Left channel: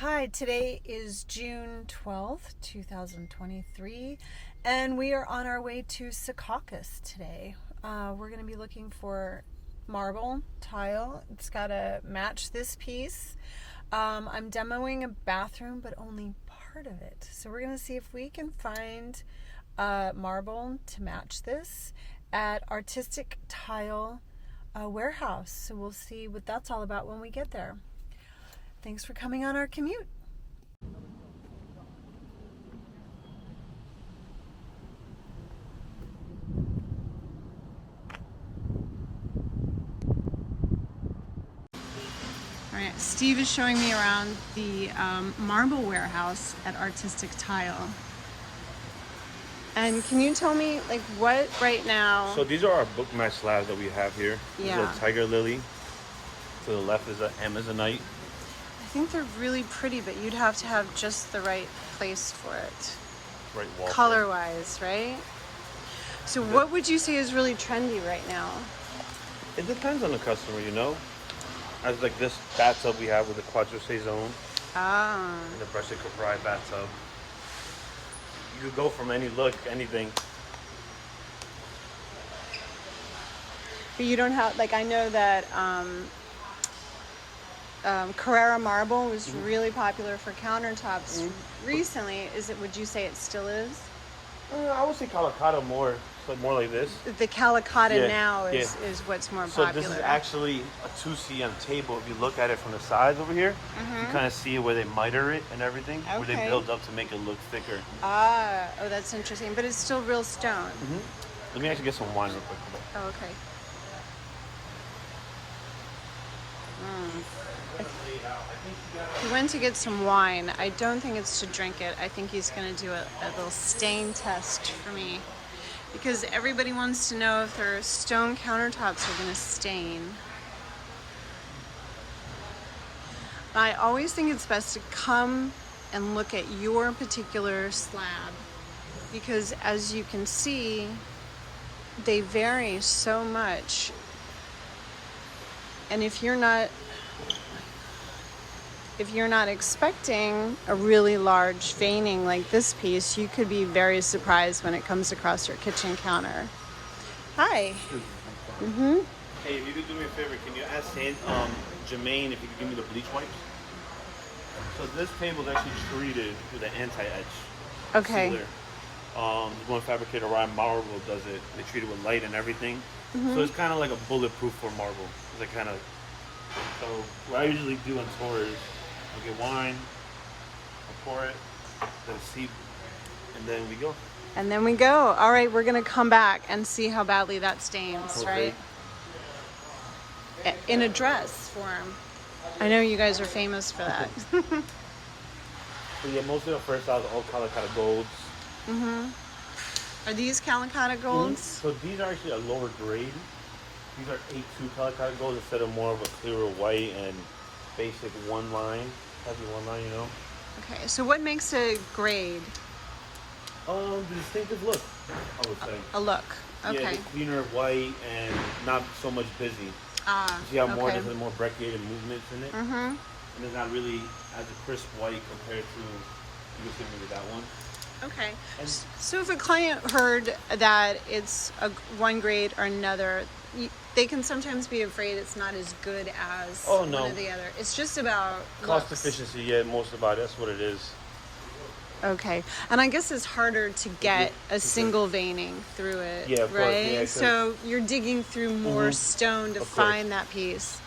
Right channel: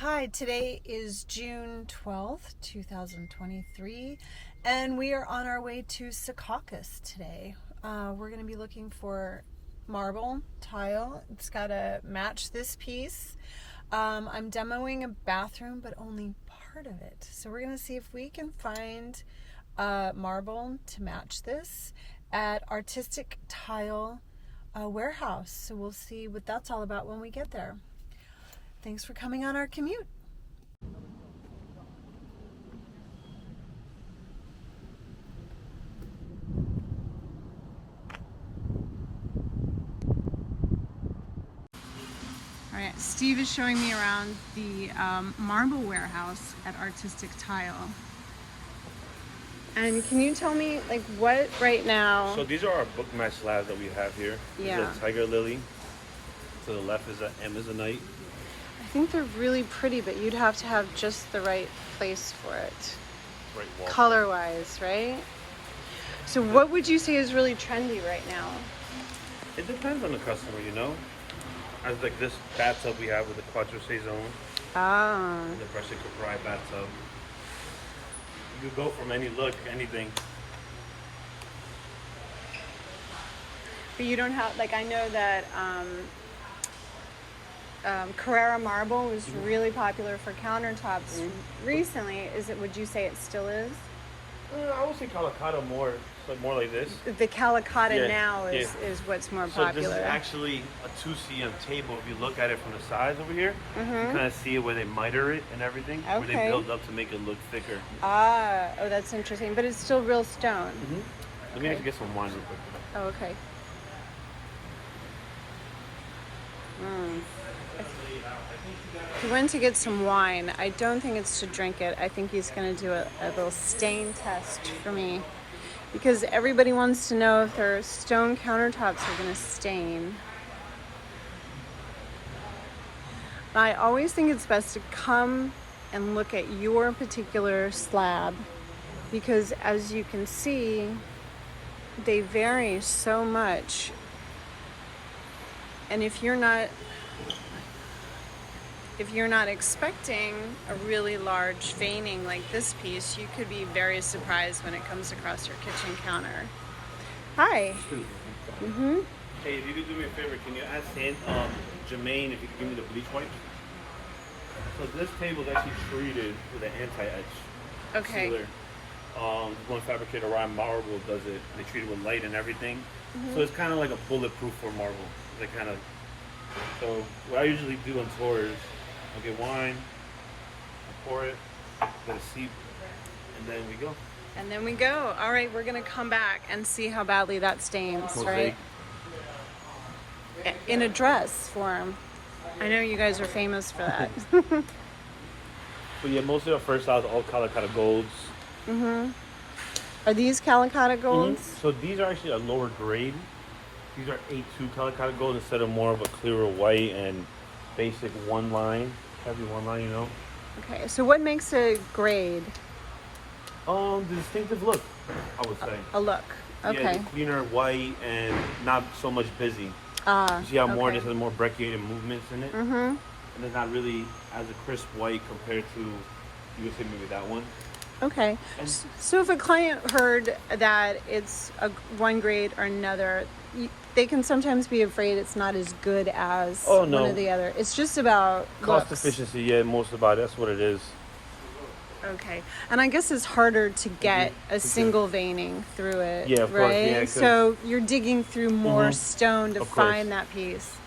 Hi, today is June 12th, 2023, and we are on our way to Secaucus today. We're going to be looking for marble tile. It's got to match this piece. I'm demoing a bathroom, but only part of it. So we're going to see if we can find marble to match this at Artistic Tile Warehouse. So we'll see what that's all about when we get there. Thanks for coming on our commute. All right, Steve is showing me around the marble warehouse at Artistic Tile. And can you tell me, like, what right now? So these are our bookmat slabs that we have here. Yeah. This is a tiger lily. To the left is an Amazonite. I think they're really pretty, but you'd have to have just the right place for it. Right wall. Color-wise, right? So what would you say is really trendy right now? It depends on the customer, you know. As like this bathtub we have with the Quattro Saison. Ah. And the Brushed Capri bathtub. You go from any look, anything. But you don't have, like, I know that Carrara marble was really popular for countertops recently. Would you say it still is? I would say Calacatta more, so more like this. The Calacatta Yeah, now is what's more So popular. this is actually a 2cm table. If you look at it from the sides over here, you kind of see where they miter it and everything. Where they Okay. build up to make it look thicker. Ah, oh, that's interesting. But it's still real stone. Let me actually get some wine real quick. Oh, okay. He went to get some wine. I don't think it's to drink it. I think he's going to do a little stain test for me. Because everybody wants to know if their stone countertops are going to stain. I always think it's best to come and look at your particular slab. Because as you can see, they vary so much. And if you're not expecting a really large veining like this piece, you could be very surprised when it comes across your kitchen counter. Hi. Hey, if you could do me a favor, can you ask Jermaine if you could give me the bleach wipes? So this table is actually treated with an anti-etch Okay. sealer. One fabricator around marble does it. They treat it with light and everything. So it's kind of like a bulletproof for marble. It's like kind of. So what I usually do on tours, I'll get wine, I'll pour it, let it seep, and then we go. And then we go. All right, we're going to come back and see how badly that stains, Okay. right? In a dress form. I know you guys are famous for that. But yeah, most of the first styles are all Calacatta golds. Are these Calacatta golds? So these are actually a lower grade. These are 8-2 Calacatta gold instead of more of a clearer white and basic one line, heavy one line, you know. Okay, so what makes a grade? The distinctive look, I would say. A look. Okay. Yeah, the cleaner white and not so much busy. Ah, You see how more okay. there's more brecciated movements in it, and it's not really as a crisp white compared to you would say maybe that one. Okay. And So if a client heard that it's one grade or another, they can sometimes be afraid it's not as good as one or the other. It's just about cost looks. efficiency, yeah, most about it. That's what it is. Okay. And I guess it's harder to get a single veining through it, Yeah, of course, right? yeah, 'cause- So you're digging through more stone to Of course. find that piece.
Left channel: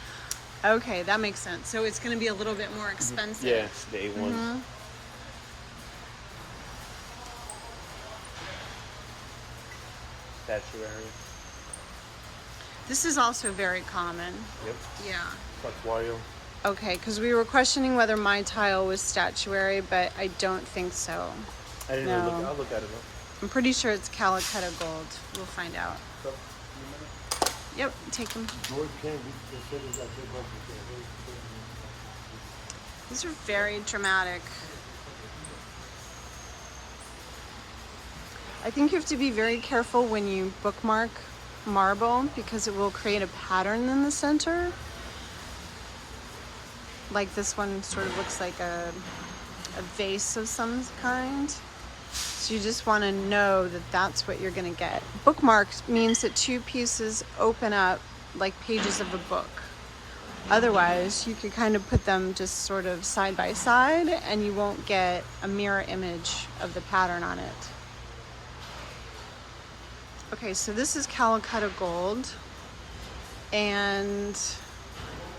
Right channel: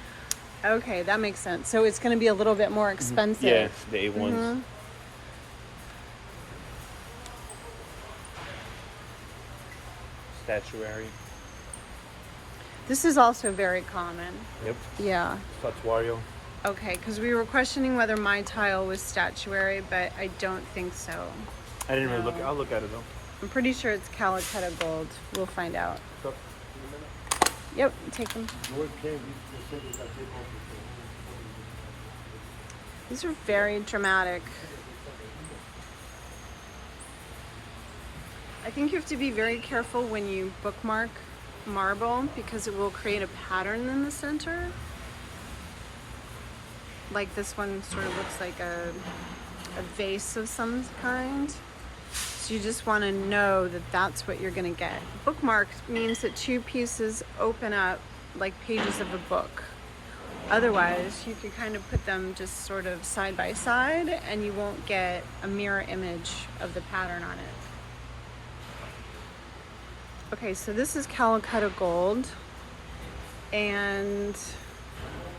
Okay, that makes sense. So it's going to be a little bit more expensive. Yeah, the A1s. Statuary. This is also very common. Yep. Yeah. Statuarial. Okay, because we were questioning whether my tile was statuary, but I don't think so. I didn't really No. look. I'll look at it though. I'm pretty sure it's Calacatta gold. We'll find out. Yep, take them. These are very dramatic. I think you have to be very careful when you bookmark marble because it will create a pattern in the center. like this one sort of looks like a vase of some kind. So you just want to know that that's what you're going to get. Bookmarked means that two pieces open up like pages of a book. Otherwise, you could kind of put them just sort of side by side and you won't get a mirror image of the pattern on it. Okay, so this is Calicut Gold, and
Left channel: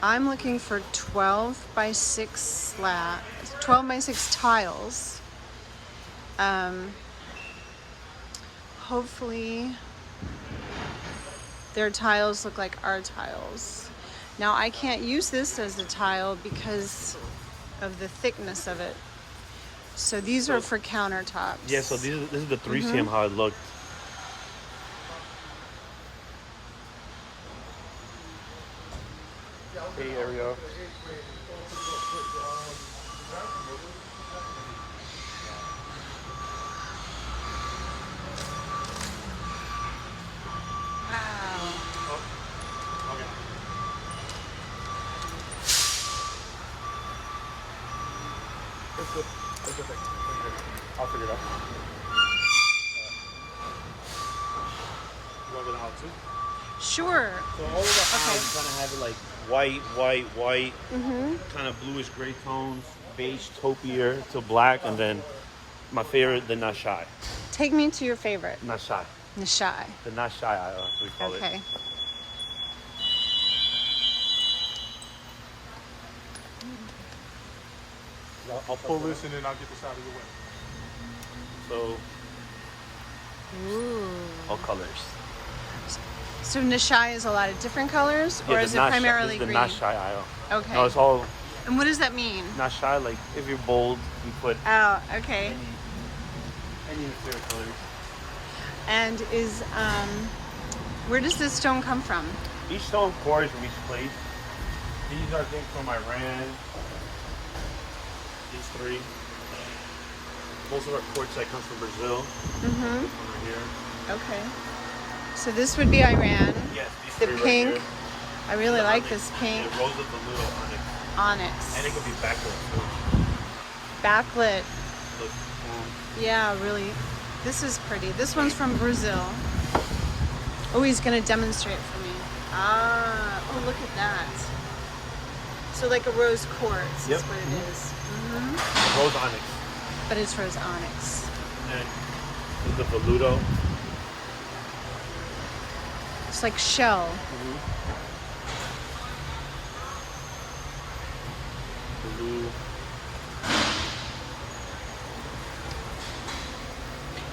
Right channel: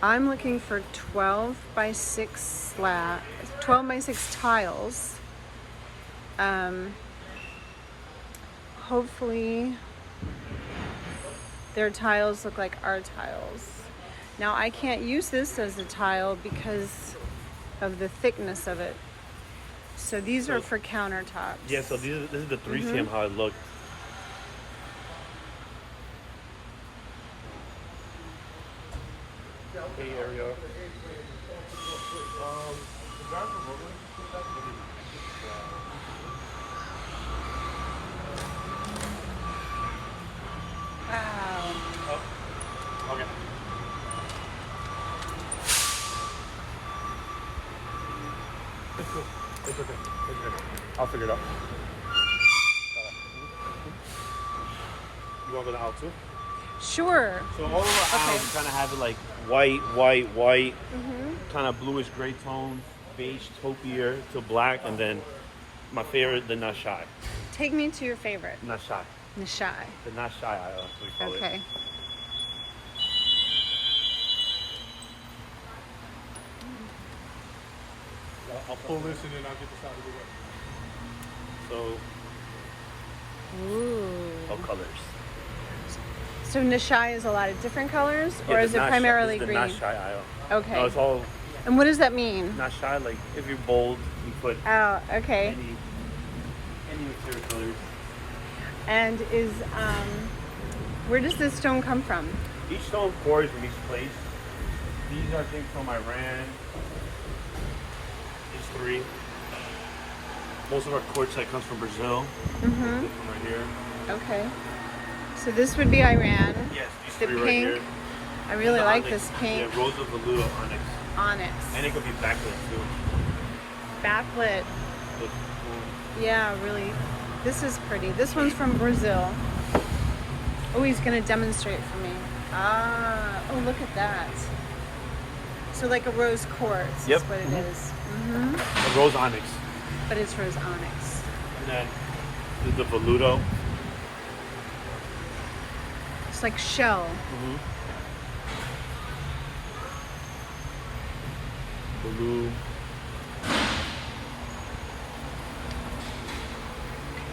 I'm looking for 12 by 6 tiles. Hopefully their tiles look like our tiles. Now I can't use this as a tile because of the thickness of it. So these are for countertops. Yeah, so this is the 3cm how it looked. Hey, here we go. Wow. Oh, okay. It's okay. I'll figure it out. You want to go out too? Sure. So all around, you kind of have it like white, kind of bluish gray tones, beige taupier to black, and then my favorite, the not shy. Take me to your favorite. Not shy. Nishai. The not shy aisle. We call it. Okay. I'll pull this and then I'll get this out of the way. So Ooh. all colors. So Nishai is a lot of different colors, or Yeah, is the it not primarily shy, green? The not shy aisle. Okay. No, it's all And what does that mean? not shy. Like if you're bold, you put Oh, okay. any of their colors. And is where does this stone come from? Each stone pours from each place. These are things from Iran. There's 3. Most of our quartzite comes from Brazil. Right here. Okay. So this would be Iran. Yes, these The 3 pink. right here. I really The like onyx. this pink. Yeah, rose of the Ludo onyx. Onyx. And it could be backlit too. Backlit. Yeah, really. This is pretty. This one's from Brazil. Oh, he's going to demonstrate for me. Ah, oh, look at that. So like a rose quartz Yep. is what it is. Rose onyx. But it's rose onyx. And then there's the veludo. It's like shell. Blue.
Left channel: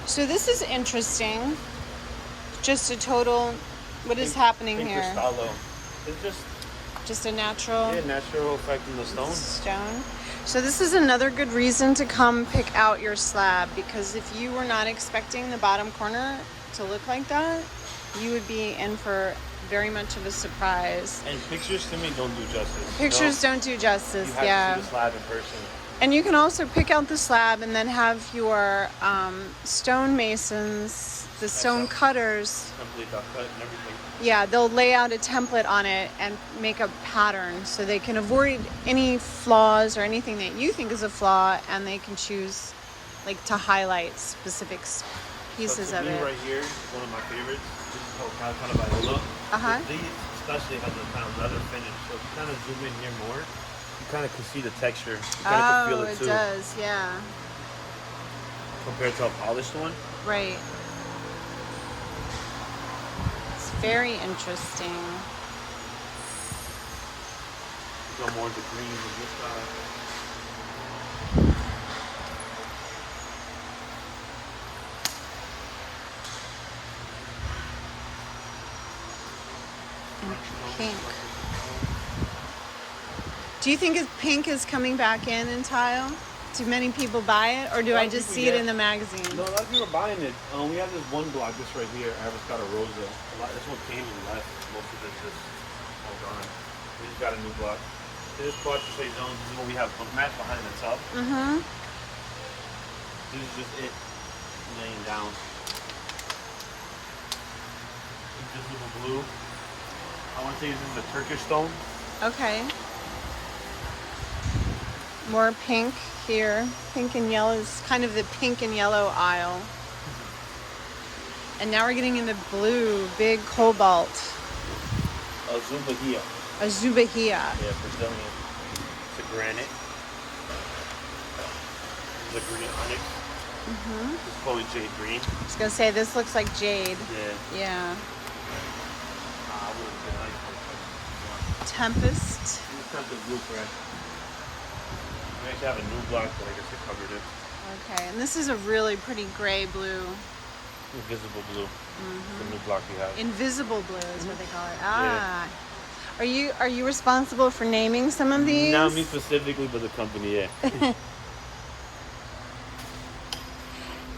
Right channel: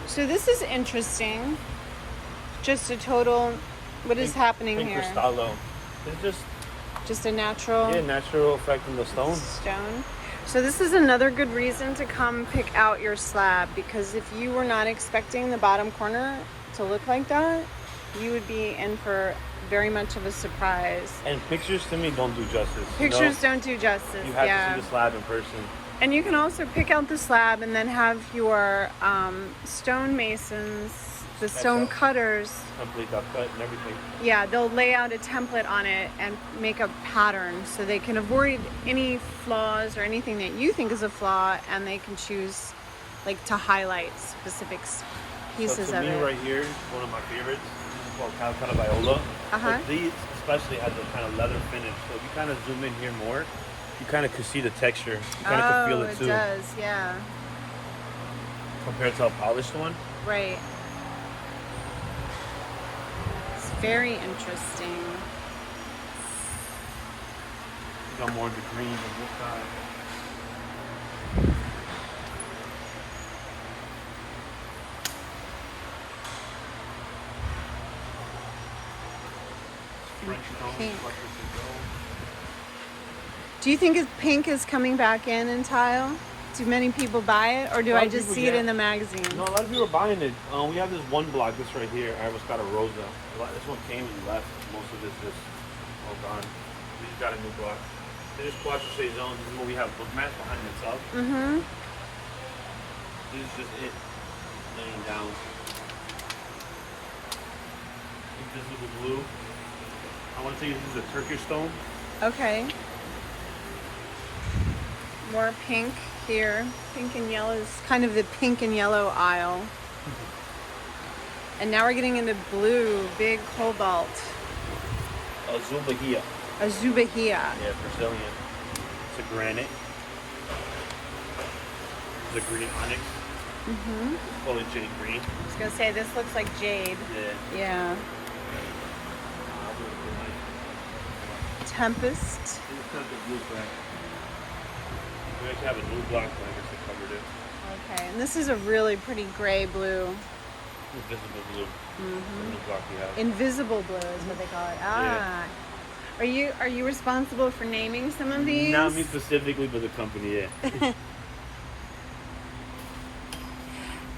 So this is interesting. Just a total, what is happening Pink here? Cristallo. It's Just a natural natural effect in the stone. stone. So this is another good reason to come pick out your slab, because if you were not expecting the bottom corner to look like that, you would be in for very much of a surprise. And pictures to me don't do justice. Pictures don't do justice, You have yeah. to see the slab in person. And you can also pick out the slab and then have your stone masons, the stone cutters, Complete that cut and everything. yeah, they'll lay out a template on it and make a pattern so they can avoid any flaws or anything that you think is a flaw, and they can choose like to highlight specific pieces So of to me it. right here, one of my favorites. This is called Calicut Viola. But these especially have the kind of leather finish. So if you kind of zoom in here more, you kind of can see the texture. You kind of can feel Oh, it it too. does, yeah. Compared to a polished one. Right. It's very interesting. You got more of the green on this side. And pink. Do you think pink is coming back in tile? Do many people buy it, or do I just see it in the magazine? No, a lot of people are buying it. We have this one block, this right here, Avocado Rosa. This one came and left. Most of it's just all gone. We just got a new block. This is Quattro Saison. This is what we have book mat behind the tub. This is just it laying down. This is the blue. I want to say this is a Turkish stone. Okay. More pink here. Pink and yellow is kind of the pink and yellow aisle. And now we're getting into blue, big cobalt. Azubahia. Azubahia. Yeah, Brazilian. It's a granite. The green onyx. Mm-hmm. It's called jade green. I was gonna say this looks like jade. Yeah. Yeah. Tempest. This has the blueprint. We actually have a new block, but I guess I covered it. Okay, and this is a really pretty gray blue. Invisible blue. Mm-hmm. The new block we have. Invisible blue is what they call it. Ah. Yeah. Are you responsible for naming some of these? Not me specifically, but the company, yeah.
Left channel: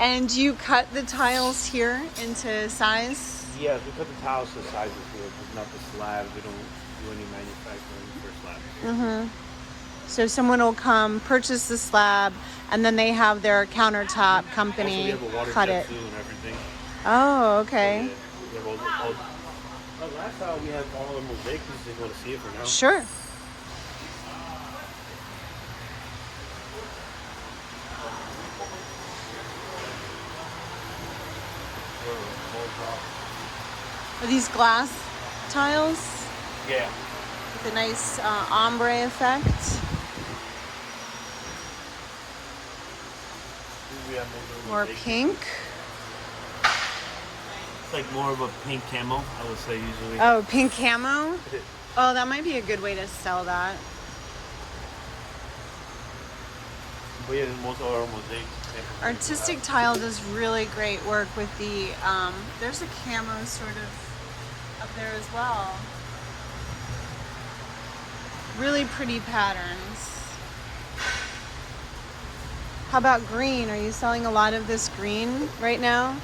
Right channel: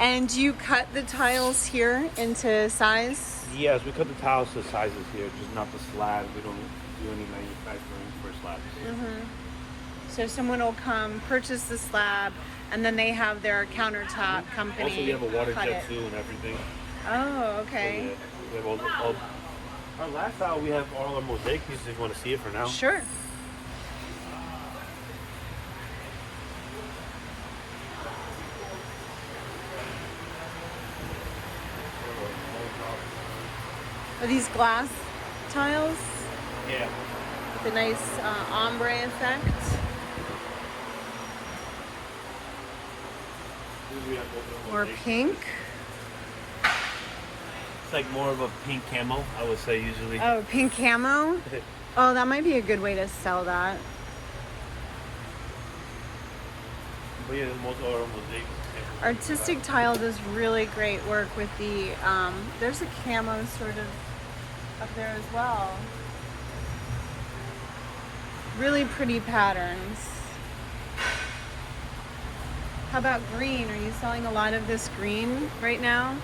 And you cut the tiles here into size? Yes, we cut the tiles to sizes here, but not the slabs. We don't do any manufacturing for slabs. Mm-hmm. So someone will come purchase the slab, and then they have their countertop company Also, we have a water cut jet it. too and everything. Oh, okay. So, yeah, we have all our last tile, we had all our mosaic pieces. If you want to see it for now? Sure. Are these glass tiles Yeah. with a nice ombre effect? We have Or mosaic. pink? It's like more of a pink camo, I would say usually. Oh, pink camo? Oh, that might be a good way to sell that. But yeah, most of our mosaic. Artistic Tile does really great work with the, there's a camo sort of up there as well. Really pretty patterns. How about green? Are you selling a lot of this green right now?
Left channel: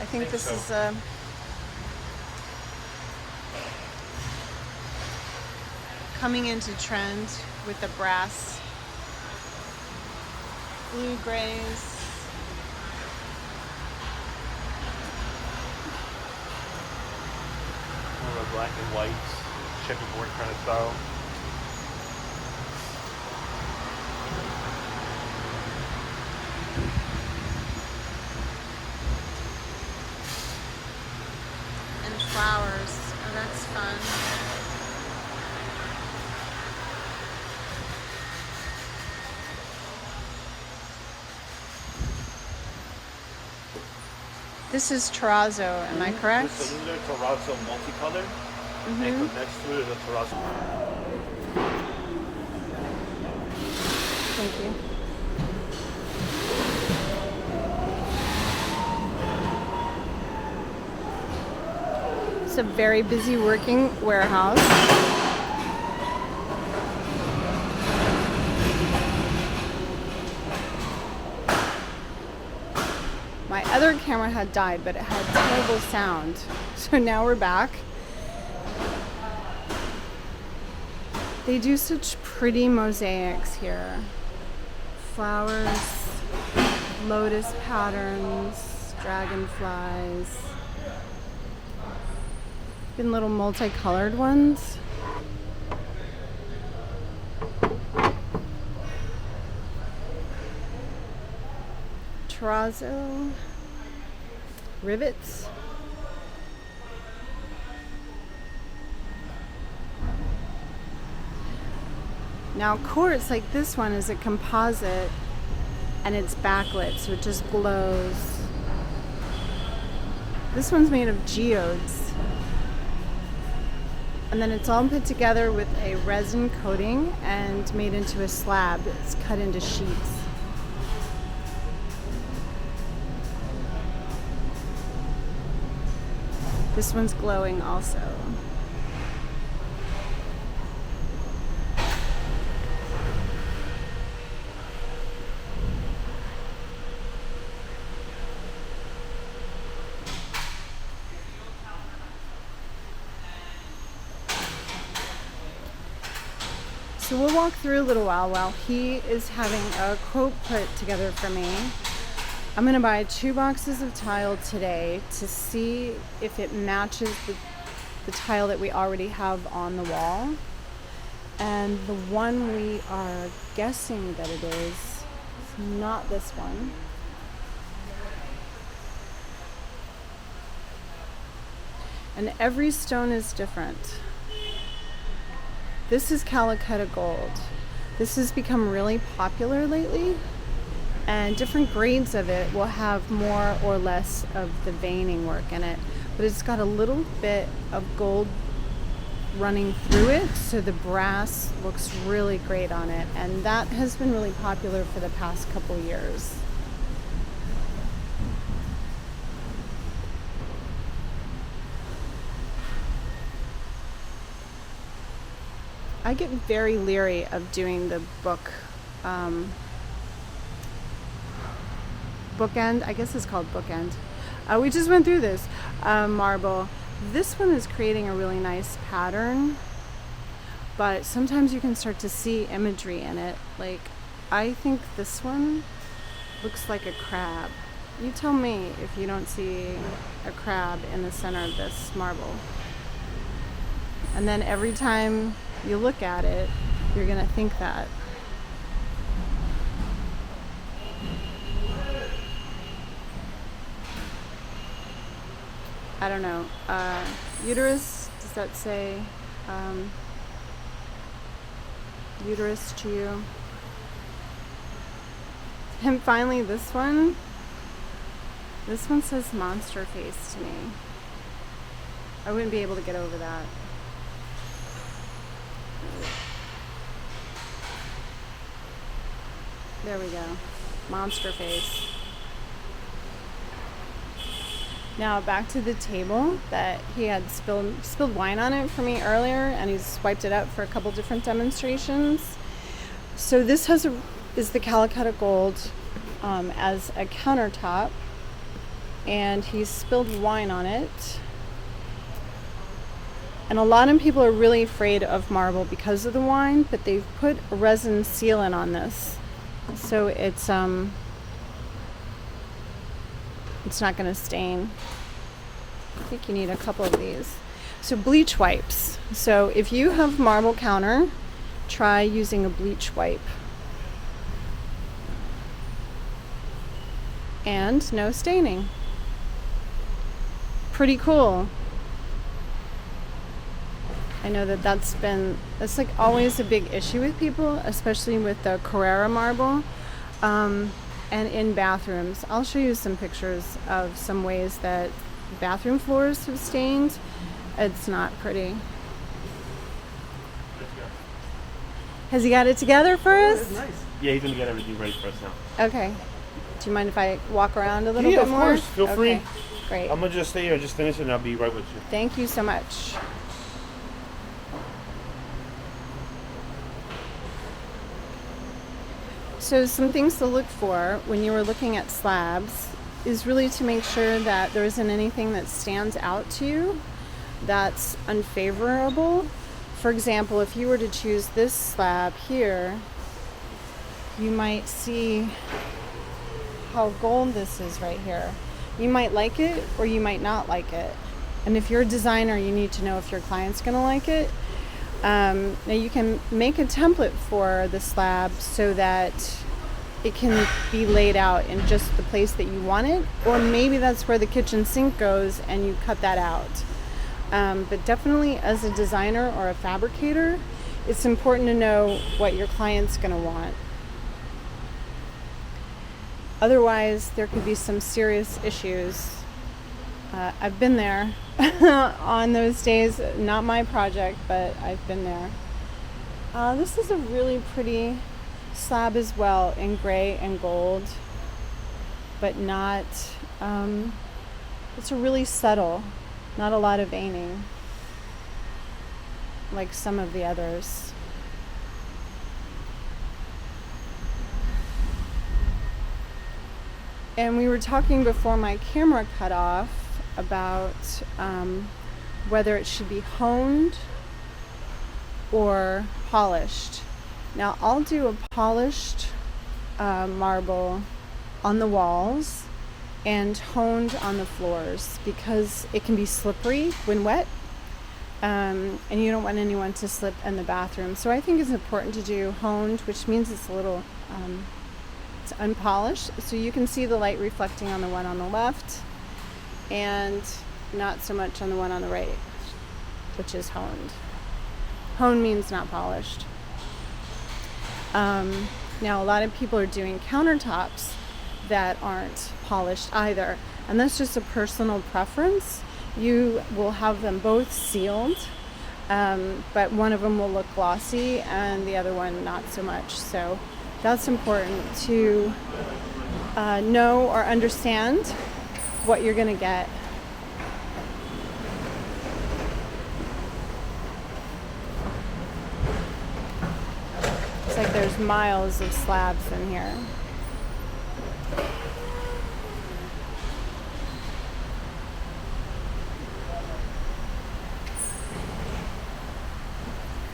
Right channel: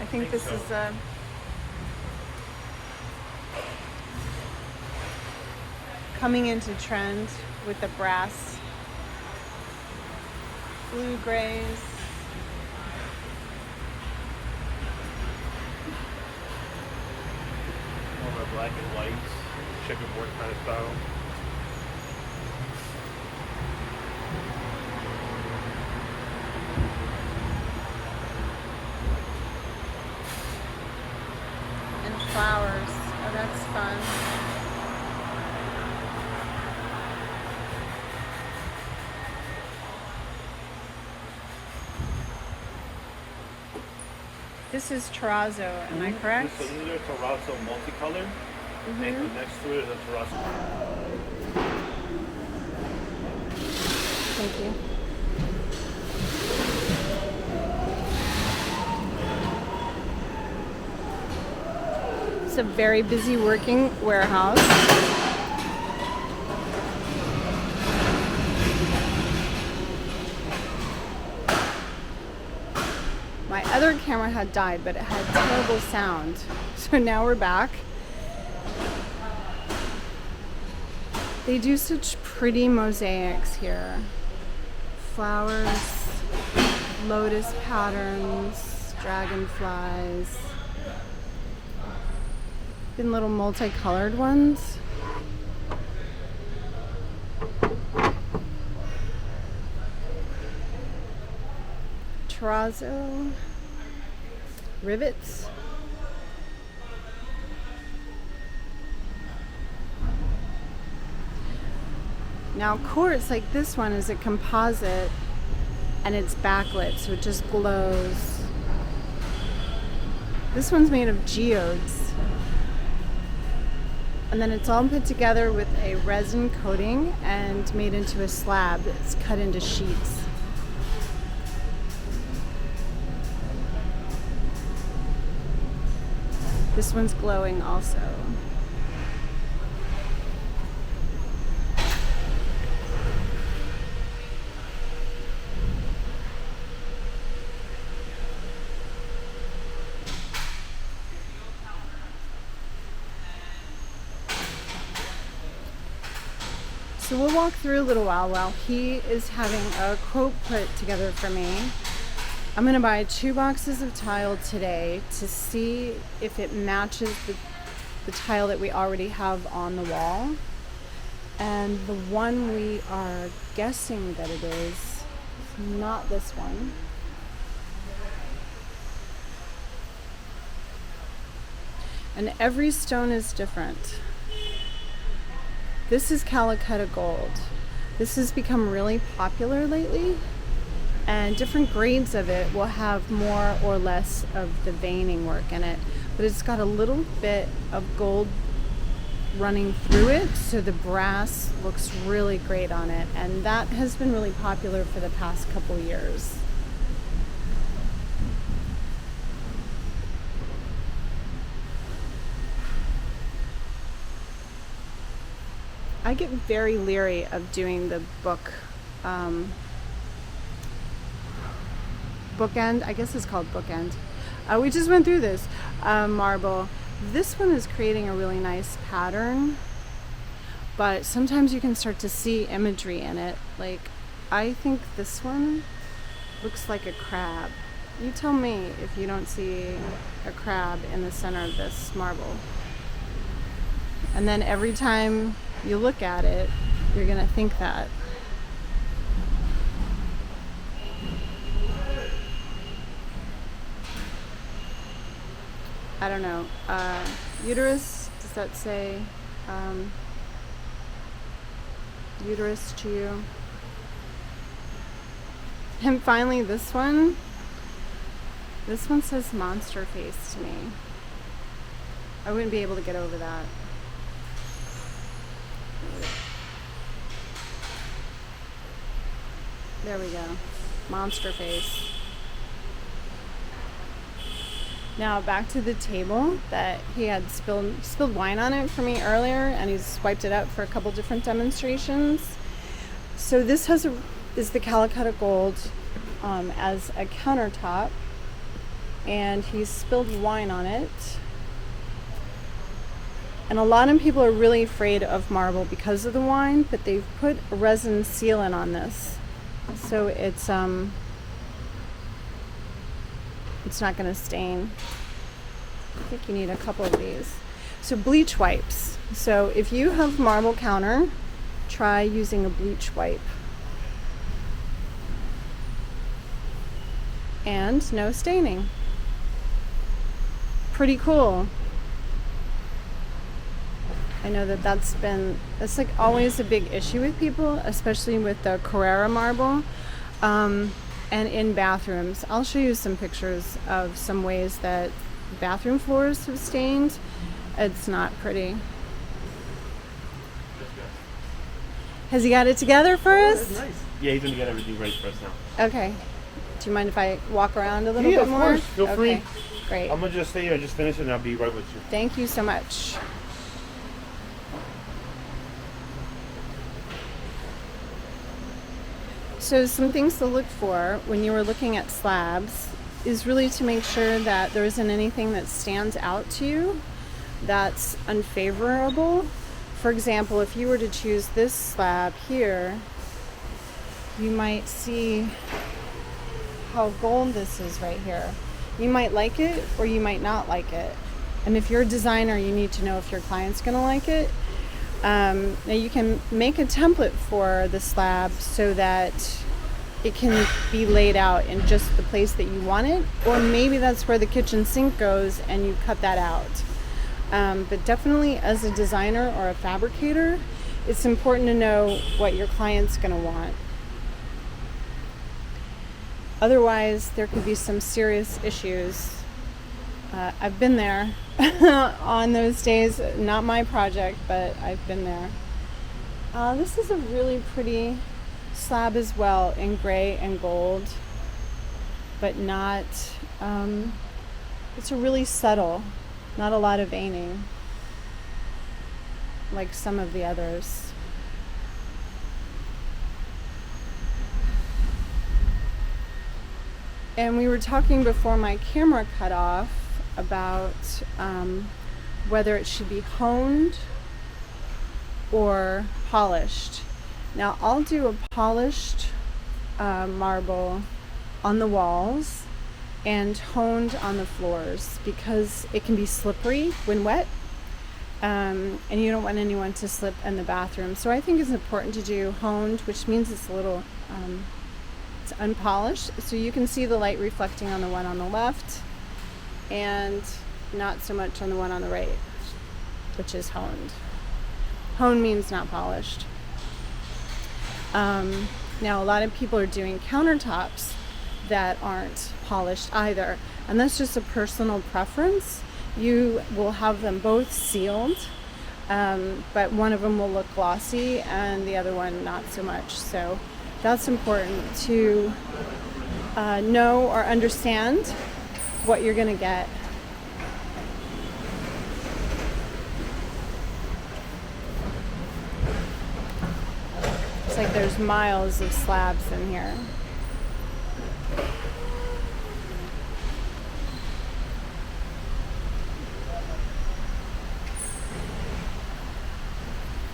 I think this is coming into trend with the brass. Blue grays. More of a black and white, checkerboard kind of style. And flowers. Oh, that's fun. This is terrazzo, am I correct? It's similar to terrazzo multicolor. Mm-hmm. And next to it is a terrazzo. Thank you. It's a very busy working warehouse. My other camera had died, but it had terrible sound. So now we're back. They do such pretty mosaics here. Flowers, lotus patterns, dragonflies. Even little multicolored ones. Terrazzo, rivets. Now quartz like this one is a composite and it's backlit, so it just glows. This one's made of geodes. And then it's all put together with a resin coating and made into a slab. It's cut into sheets. This one's glowing also. So we'll walk through a little while he is having a quote put together for me. I'm gonna buy 2 boxes of tile today to see if it matches the tile that we already have on the wall. And the one we are guessing that it is not this one. And every stone is different. This is Calcutta gold. This has become really popular lately, and different grades of it will have more or less of the veining work in it, but it's got a little bit of gold running through it, so the brass looks really great on it, and that has been really popular for the past couple years. I get very leery of doing the bookend, I guess it's called bookend. We just went through this marble. This one is creating a really nice pattern, but sometimes you can start to see imagery in it. Like, I think this one looks like a crab. You tell me if you don't see a crab in the center of this marble. And then every time you look at it, you're gonna think that. I don't know. Uterus, does that say uterus to you? And finally, this one says monster face to me. I wouldn't be able to get over that. There we go. Monster face. Now back to the table that he had spilled wine on it for me earlier, and he's wiped it up for a couple different demonstrations. So this is the Calcutta gold as a countertop, and he's spilled wine on it. And a lot of people are really afraid of marble because of the wine, but they've put a resin sealant on this, so it's not going to stain. I think you need a couple of these. So bleach wipes. So if you have marble counter, try using a bleach wipe. And no staining. Pretty cool. I know that's like always a big issue with people, especially with the Carrara marble, and in bathrooms. I'll show you some pictures of some ways that bathroom floors have stained. It's not pretty. Has he got it together for us? Nice. Yeah, he's gonna get everything ready for us now. Okay. Do you mind if I walk around a little bit more? Of course. Feel free. Great. I'm gonna just stay here, just finish it, and I'll be right with you. Thank you so much. So some things to look for when you were looking at slabs is really to make sure that there isn't anything that stands out to you that's unfavorable. For example, if you were to choose this slab here, you might see how gold this is right here. You might like it or you might not like it. And if you're a designer, you need to know if your client's gonna like it. Now you can make a template for the slab so that it can be laid out in just the place that you want it, or maybe that's where the kitchen sink goes and you cut that out. But definitely as a designer or a fabricator, it's important to know what your client's gonna want. Otherwise, there could be some serious issues. I've been there on those days, not my project, but I've been there. This is a really pretty slab as well, in gray and gold, but not, it's a really subtle, not a lot of veining, like some of the others. And we were talking before my camera cut off about whether it should be honed or polished. Now I'll do a polished marble on the walls and honed on the floors because it can be slippery when wet. and you don't want anyone to slip in the bathroom. So I think it's important to do honed, which means it's a little it's unpolished, so you can see the light reflecting on the one on the left and not so much on the one on the right, which is honed. Honed means not polished. Now a lot of people are doing countertops that aren't polished either, and that's just a personal preference. You will have them both sealed, but one of them will look glossy and the other one not so much. So that's important to know or understand what you're going to get. It's like there's miles of slabs in here.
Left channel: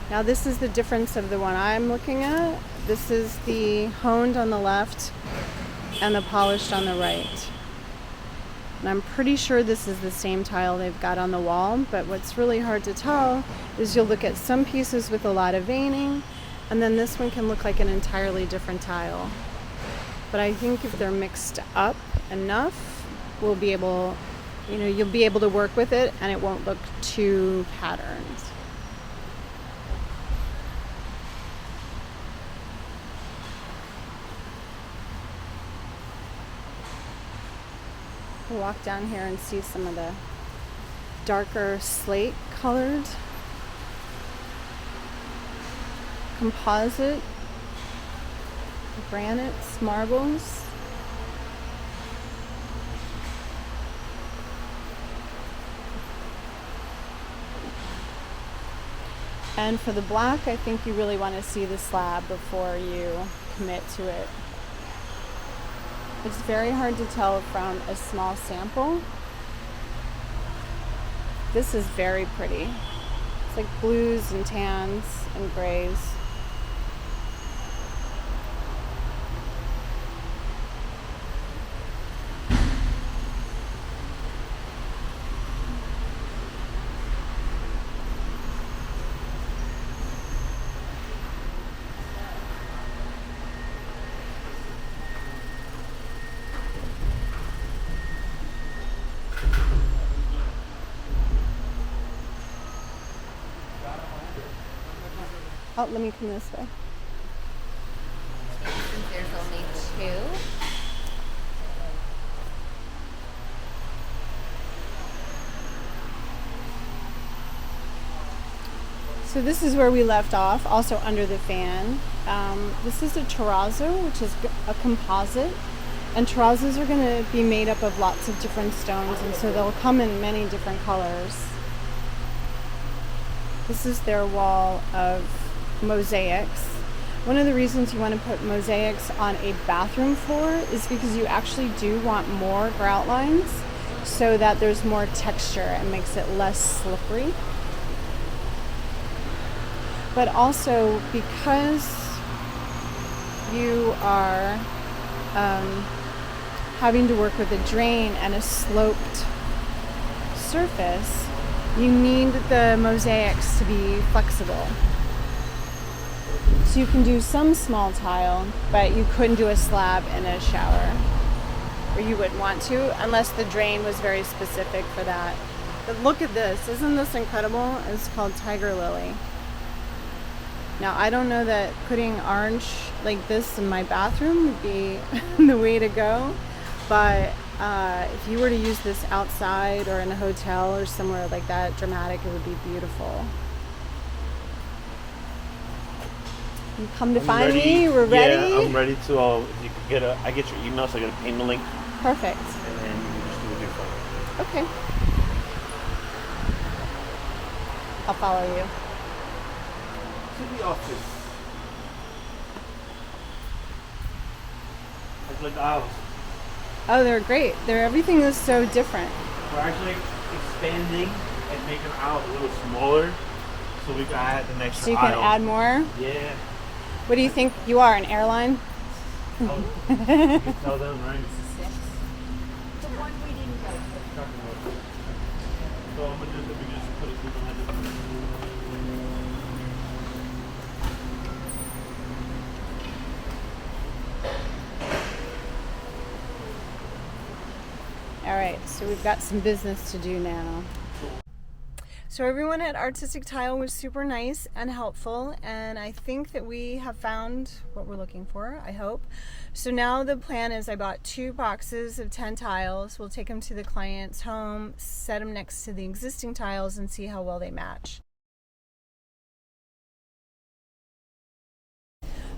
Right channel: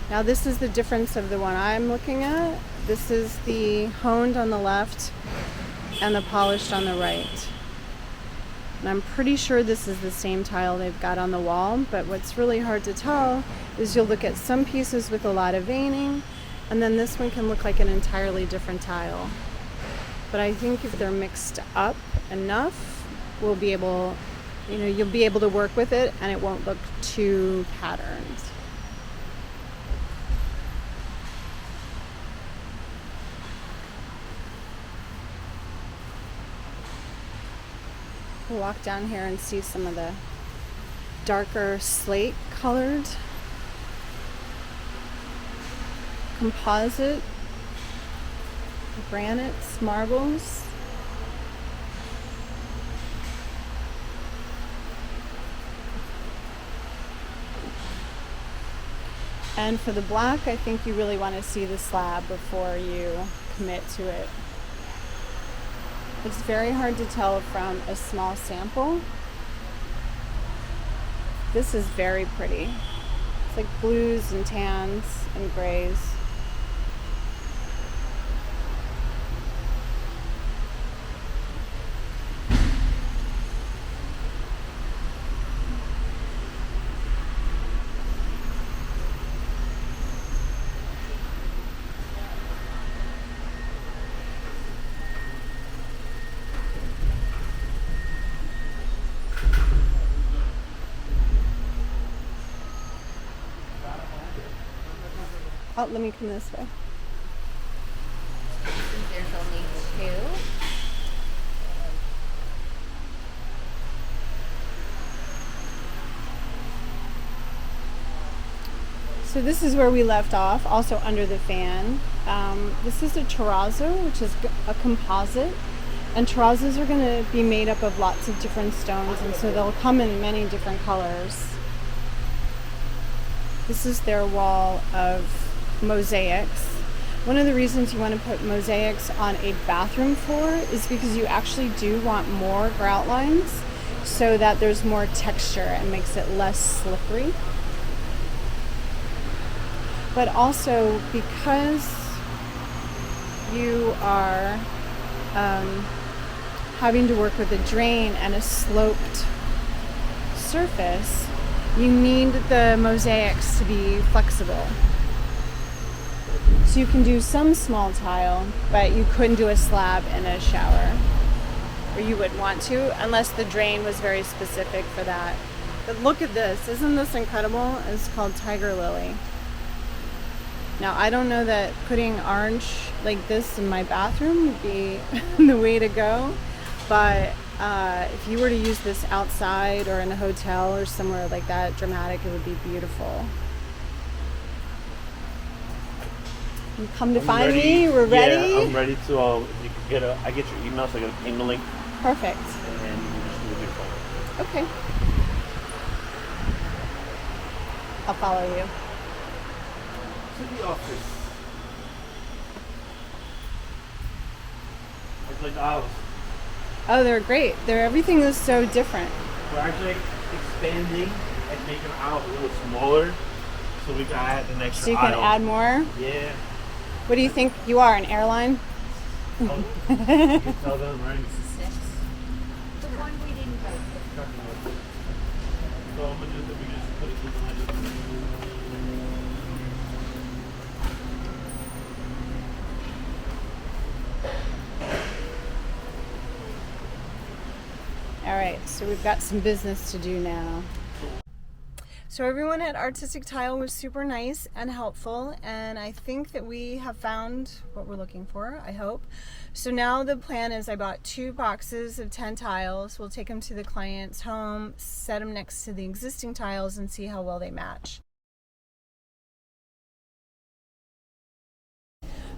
Now this is the difference of the one I'm looking at. This is the honed on the left and the polished on the right. And I'm pretty sure this is the same tile they've got on the wall, but what's really hard to tell is you'll look at some pieces with a lot of veining, and then this one can look like an entirely different tile. But I think if they're mixed up enough, we'll be able, you'll be able to work with it and it won't look too patterned. We'll walk down here and see some of the darker slate colored composite granites, marbles. And for the black, I think you really want to see the slab before you commit to it. It's very hard to tell from a small sample. This is very pretty. It's like blues and tans and grays. Oh, let me come this way. Since there's only two. So this is where we left off, also under the fan. This is a terrazzo, which is a composite. And terrazzos are going to be made up of lots of different stones, and so they'll come in many different colors. This is their wall of mosaics. One of the reasons you want to put mosaics on a bathroom floor is because you actually do want more grout lines so that there's more texture and makes it less slippery. But also because you are having to work with a drain and a sloped surface, you need the mosaics to be flexible. So you can do some small tile, but you couldn't do a slab in a shower, or you wouldn't want to unless the drain was very specific for that. But look at this, isn't this incredible? It's called Tiger Lily. Now I don't know that putting orange like this in my bathroom would be the way to go, but if you were to use this outside or in a hotel or somewhere like that dramatic, it would be beautiful. You come to find me. We're ready. Yeah, I'm ready to. You can I get your email, so I get a payment link. Perfect. Okay. I'll follow you. To the office. It's like aisles. Oh, they're great. Everything is so different. We're actually expanding and making aisles a little smaller, so we can add the next. So you can add more. Yeah. What do you think you are, an airline? Oh, you can tell them, right? So I'm gonna do the beginning, put it through behind it. All right, so we've got some business to do now. So everyone at Artistic Tile was super nice and helpful, and I think that we have found what we're looking for, I hope. So now the plan is I bought 2 boxes of 10 tiles. We'll take them to the client's home, set them next to the existing tiles, and see how well they match.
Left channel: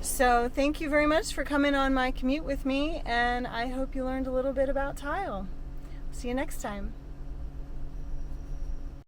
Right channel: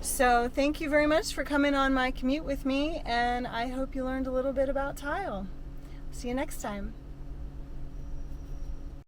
So thank you very much for coming on my commute with me, and I hope you learned a little bit about tile. See you next time.